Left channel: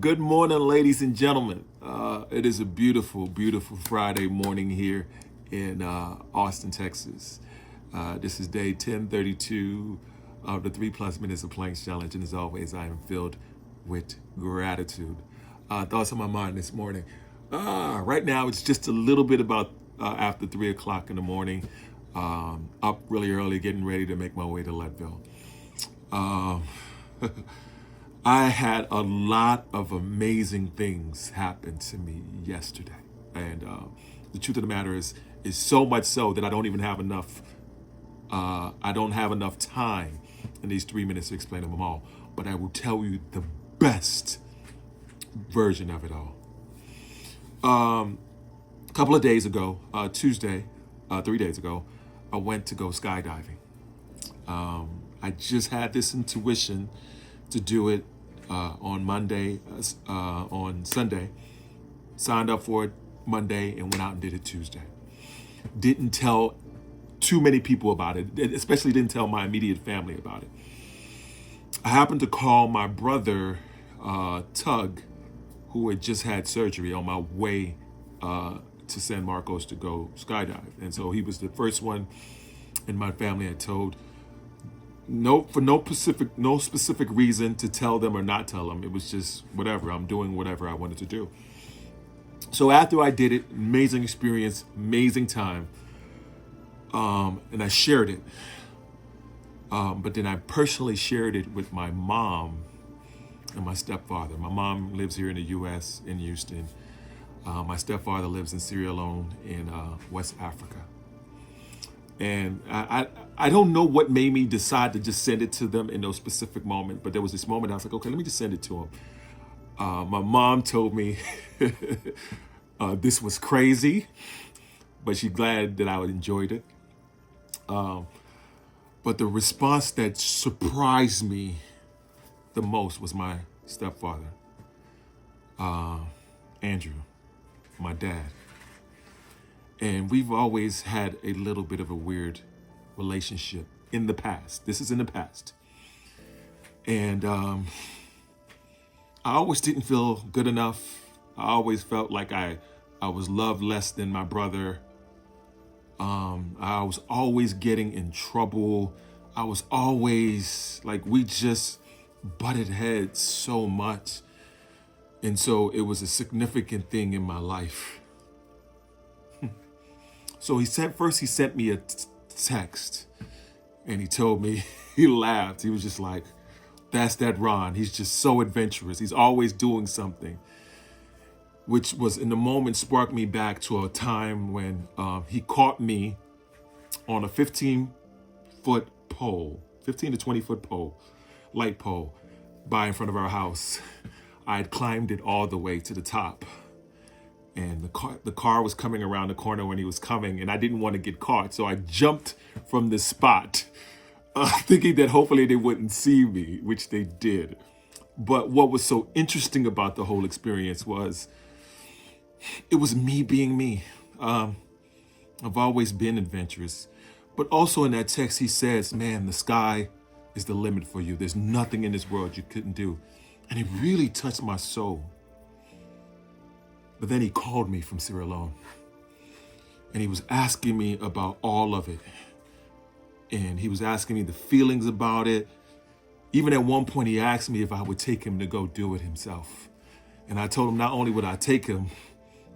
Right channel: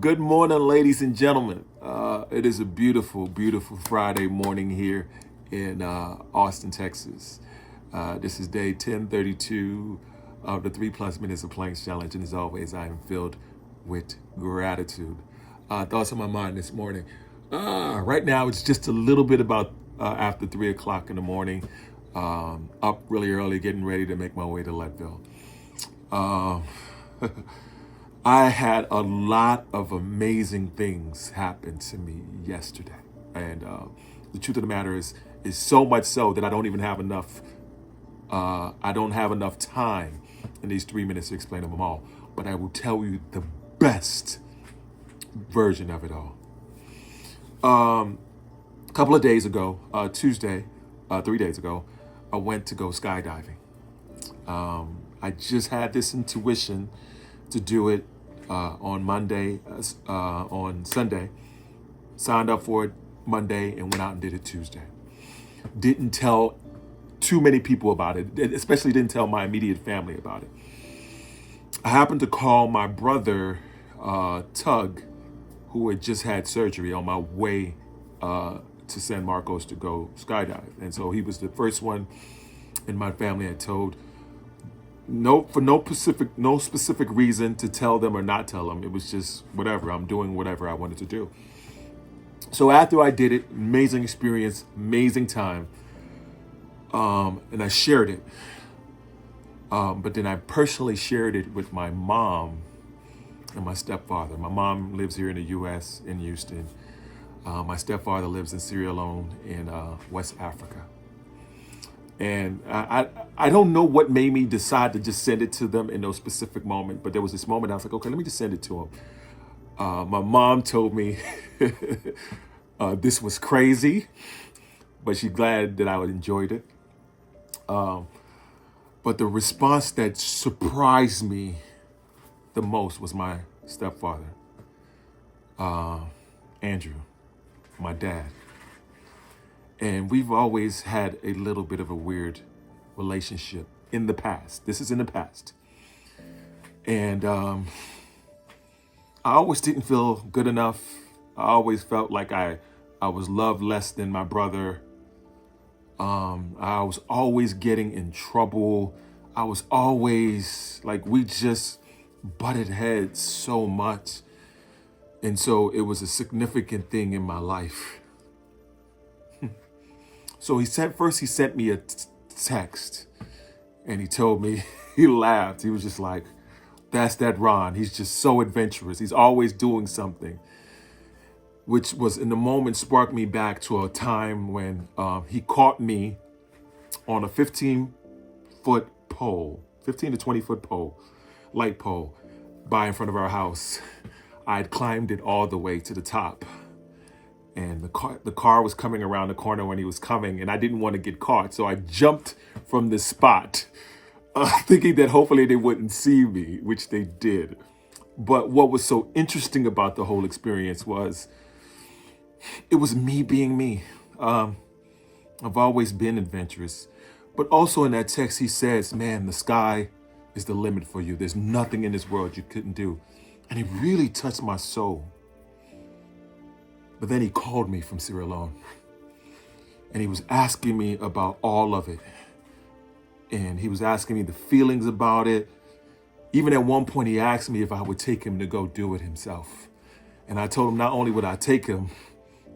Good morning, ladies and gentlemen. It is a beautiful, beautiful Friday morning here in Austin, Texas. This is day 1032 of the 3+ minutes of Planks Challenge, and as always, I am filled with gratitude. Thoughts on my mind this morning. Right now, it's just a little bit about after 3 o'clock in the morning. Up really early, getting ready to make my way to Leadville. I had a lot of amazing things happen to me yesterday, and the truth of the matter is so much so that I don't even have enough. I don't have enough time in these 3 minutes to explain them all. But I will tell you the best version of it all. A couple of days ago, Tuesday, 3 days ago, I went to go skydiving. I just had this intuition to do it on Monday, on Sunday. Signed up for it Monday and went out and did it Tuesday. Didn't tell too many people about it, especially didn't tell my immediate family about it. I happened to call my brother, Tug, who had just had surgery, on my way to San Marcos to go skydive. And so he was the first one in my family I told. No specific reason to tell them or not tell them. It was just whatever. I'm doing whatever I wanted to do. So after I did it, amazing experience, amazing time. And I shared it. But then I personally shared it with my mom and my stepfather. My mom lives here in the U.S. in Houston. My stepfather lives in Sierra Leone in West Africa. And I don't know what made me decide to just send it to them in those specific moments, but there was this moment I was like, okay, let me just send it to them. My mom told me this was crazy, but she's glad that I enjoyed it. But the response that surprised me the most was my stepfather, Andrew, my dad. And we've always had a little bit of a weird relationship in the past. This is in the past. And I always didn't feel good enough. I always felt like I was loved less than my brother. I was always getting in trouble. I was always like, we just butted heads so much. And so it was a significant thing in my life. So he sent me a text, and he told me, he laughed. He was just like, that's that Ron. He's just so adventurous. He's always doing something, which was in the moment sparked me back to a time when he caught me on a 15-foot pole, 15 to 20-foot pole, light pole, by in front of our house. I had climbed it all the way to the top. And the car was coming around the corner when he was coming, and I didn't want to get caught. So I jumped from the spot, thinking that hopefully they wouldn't see me, which they did. But what was so interesting about the whole experience was it was me being me. I've always been adventurous. But also in that text, he says, man, the sky is the limit for you. There's nothing in this world you couldn't do. And it really touched my soul. But then he called me from Sierra Leone, and he was asking me about all of it. And he was asking me the feelings about it. Even at one point, he asked me if I would take him to go do it himself. And I told him not only would I take him,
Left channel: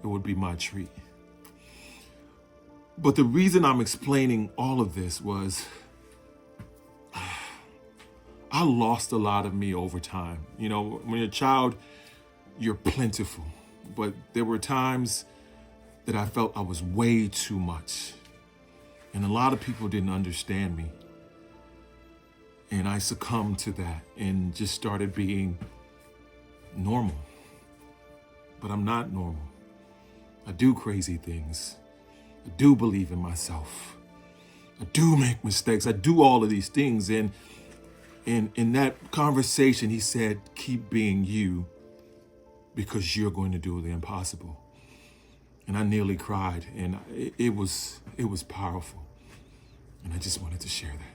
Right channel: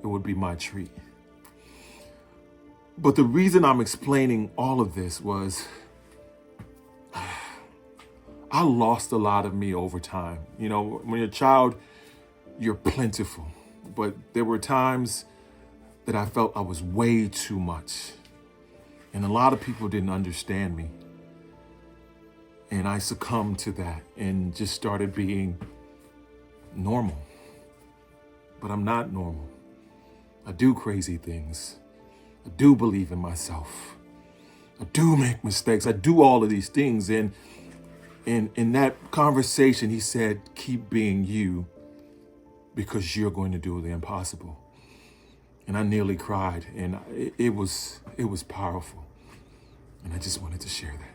it would be my treat. But the reason I'm explaining all of this was I lost a lot of me over time. You know, when you're a child, you're plentiful. But there were times that I felt I was way too much. And a lot of people didn't understand me. And I succumbed to that and just started being normal. But I'm not normal. I do crazy things. I do believe in myself. I do make mistakes. I do all of these things. And in that conversation, he said, keep being you, because you're going to do the impossible. And I nearly cried, and it was powerful. And I just wanted to share that.